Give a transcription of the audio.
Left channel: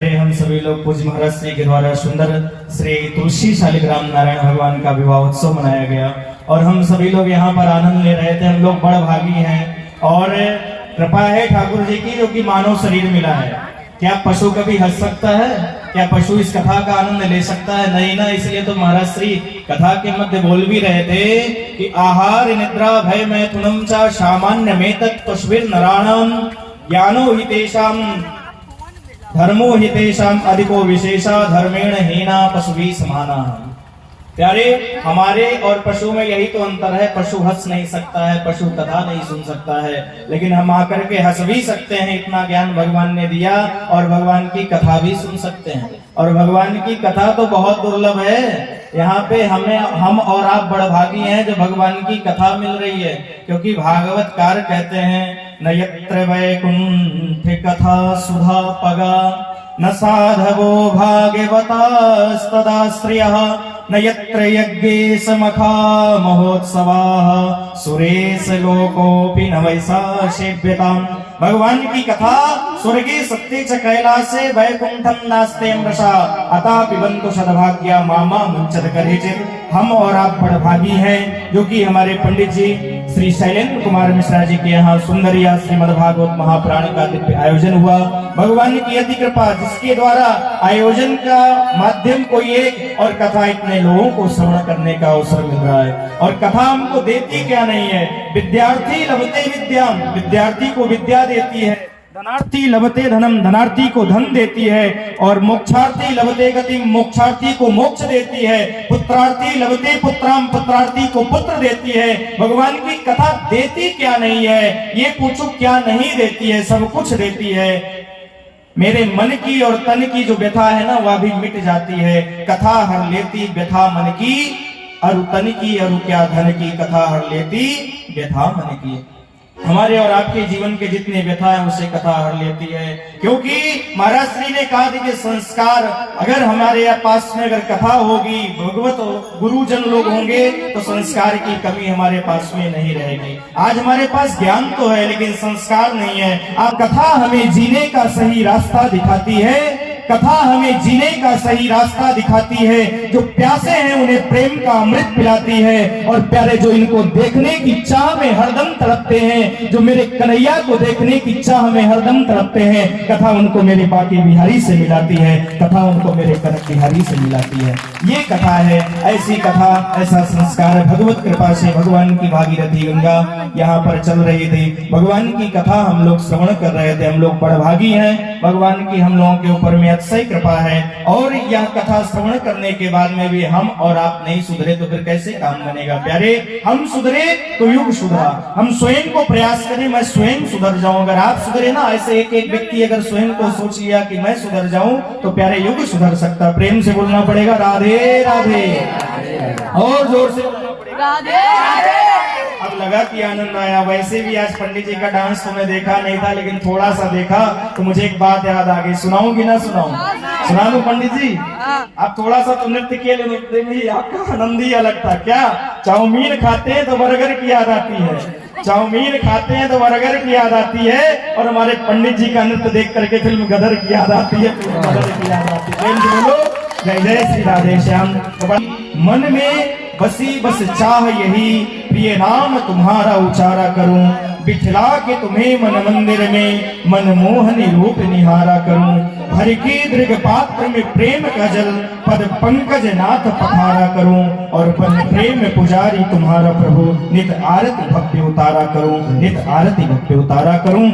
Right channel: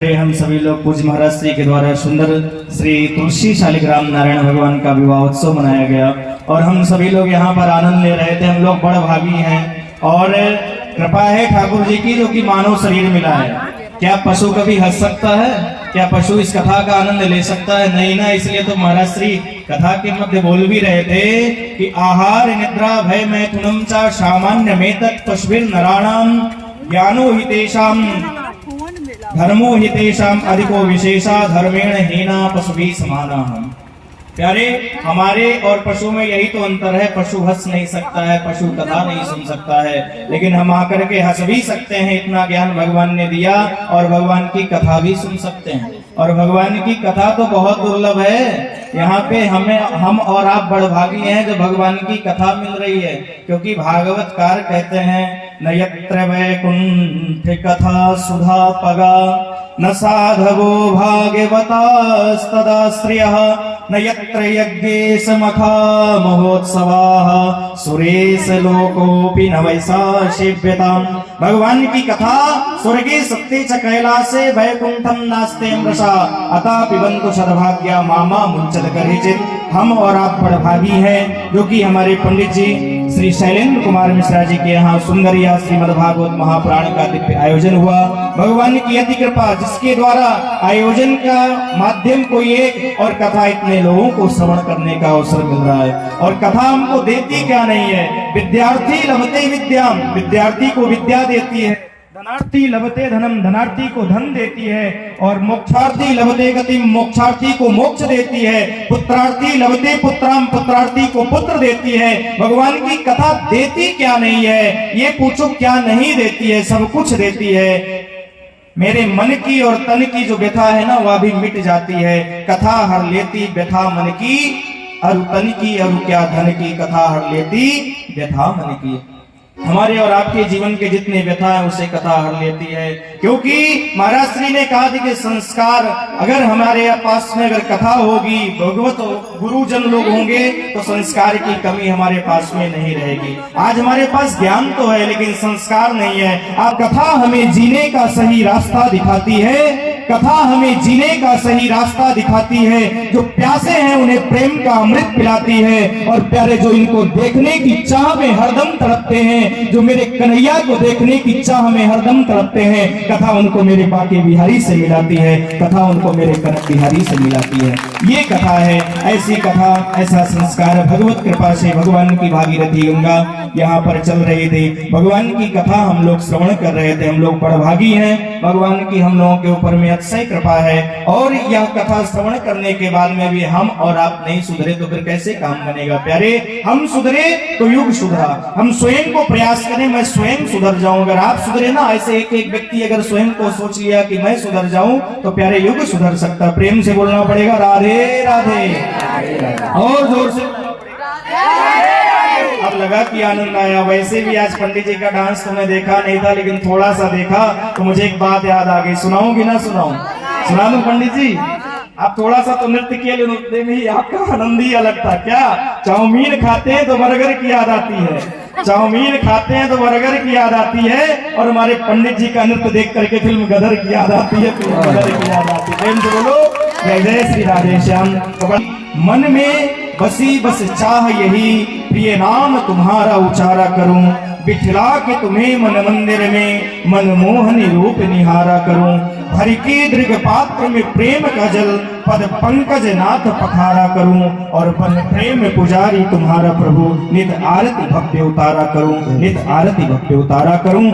हम सभी लोग पूज्य महाराज श्री के द्वारा सुंदर श्री तुलसी शालिग्राम नारायण भगवान का विवाह उत्सव मनाया गया और हम सभी लोग यहाँ पर आनंद ले रहे थे। हम लोग बड़ा भागी हैं और कृपा है ठाकुर जी की, जो कि मानव शरीर मिला है। क्या पशु कभी हंस सकता है? क्या पशु इस कथा का आनंद ले सकता है? नहीं ना। इसलिए तो महाराज श्री कथा के मध्य बोल भी रहे थे कि आहार निद्रा भय मैथुनम च सामान्य मेतत् पशुभिर नराणाम ज्ञानो हितेषाम धर्मो हितेषाम अधिको विशेषा धर्मेण हीना पशुभी समाना। प्यारे, हमारे और पशु में यही तो अंतर है। पशु हंस नहीं सकता है, पशु कथा नहीं सुन सकता है, लेकिन हम आकर के हंस भी सकते हैं। इतना ज्ञान भगवान ने दिया और भगवान की कथा भी सुन सकते हैं। और भगवान की कथा तो बहुत दुर्लभ है। यहाँ पे हम और आप बड़भागी हैं जो भगवान की कथा मिल रही है, क्योंकि भागवतकार कहते हैं न यत्र वैकुंठ कथा सुधा पगा न साधवो भागवतास्तदाश्रयः न यत्र यज्ञेश मखा महोत्सवाः सुरेश लोकोऽपि न वैशासेव्यताम्। भगवान की कथा स्वर्गे सत्ये च कैलासे वैकुंठम नास्ते मृषा अतः पिबन्तु सद्भाग्या मामा मुञ्चत करेचित्। हम और आप बड़भागी हैं जो कि हमारे पंडित जी श्री शैलेंद्र कुमार मिश्रा जी के यहाँ सुंदरिया श्रीमद् भागवत महापुराण का दिव्य आयोजन हुआ। भगवान की अति कृपा, जिसके द्वारा आयोजन का माध्यम कोई एक और कथा इतने लोगों को श्रवण करने का अवसर मिल रहा है। और कथा हमको देती क्या नहीं है? विद्यार्थी लभते विद्याम, विद्यार्थी को विद्या देती है। धनार्थी लभते धनम, धनार्थी को धन देती है। और मोक्षार्थी लभते गतिम, मोक्षार्थी को मोक्ष देती है। पुत्रार्थी लभते पुत्राम, पुत्रार्थी को पुत्र देती है। भगवान की कथा देती क्या नहीं है? ये पूछो क्या नहीं देती है? सब कुछ देती है। मेरे मन की और तन की जो व्यथा है ना, वह भी मिट जाती है। कथा हर लेती व्यथा मन की, अरु तन की अरु क्या धन की, कथा हर लेती व्यथा मन की। हमारे और आपके जीवन के जितने व्यथा है उसे कथा हर लेती है, क्योंकि महाराज श्री ने कहा कि संस्कार अगर हमारे पास में अगर कथा होगी, भगवत गुरुजन लोग होंगे, तो संस्कार की कमी हमारे पास में नहीं रहेगी। आज हमारे पास ज्ञान तो है लेकिन संस्कार नहीं है। आप कथा हमें जीने का सही रास्ता दिखाती है। कथा हमें जीने का सही रास्ता दिखाती है। जो प्यासे हैं उन्हें प्रेम का अमृत पिलाती है। और प्यारे, जो इनको देखने की चाह में हरदम तड़पते हैं, जो मेरे कन्हैया को देखने की चाह में हरदम तड़पते हैं, कथा उनको मेरे बाके बिहारी से मिलाती है। कथा उनको मेरे कनक बिहारी से मिलाती है। ये कथा है, ऐसी कथा, ऐसा संस्कार। भगवत कृपा से भगवान की भागीरथी गंगा यहाँ पर चल रही थी। भगवान की कथा हम लोग श्रवण कर रहे थे। हम लोग बड़भागी हैं, भगवान की हम लोगों के ऊपर में अतिशय कृपा है। और यह कथा श्रवण करने के बाद में भी हम और आप नहीं सुधरे तो फिर कैसे काम बनेगा? प्यारे, हम सुधरे तो युग सुधरा। हम स्वयं को प्रयास करें, मैं स्वयं सुधर जाऊं। अगर आप सुधरे ना, ऐसे एक एक व्यक्ति अगर स्वयं को सोच लिया कि मैं सुधर जाऊं, तो प्यारे युग सुधर सकता। प्रेम से बोलना पड़ेगा राधे राधे, और जोर से बोलना पड़ेगा। अब लगा कि आनंद आया। वैसे भी आज पंडित जी का डांस तो मैं देखा नहीं था, लेकिन थोड़ा सा देखा तो मुझे एक बात याद आ गई। सुनाऊं कि ना सुनाऊं? सुना दो पंडित जी। आप थोड़ा सा तो नृत्य किए, नृत्य में ही आपका आनंद ही अलग था। क्या चाउमीन खाते हैं तो बर्गर की याद आती है, चाउमीन खाते हैं तो बर्गर की याद आती है। और हमारे पंडित जी का नृत्य देख करके फिल्म गदर की याद आती है, फिल्म गदर की याद आती है। बोलो जय जय श्री राधे श्याम। मन में बसी बस चाह यही, प्रिय नाम तुम्हारा उचारा करूं। बिठला के तुम्हें मन मंदिर में, मनमोहन रूप निहारा करूं। हरि के दृग पात्र में प्रेम का जल, पद पंकज नाथ पखारा करूं। और पद प्रेम पुजारी तुम्हारा प्रभु, नित आरती भव्य उतारा करूं, नित आरती भव्य उतारा करूं।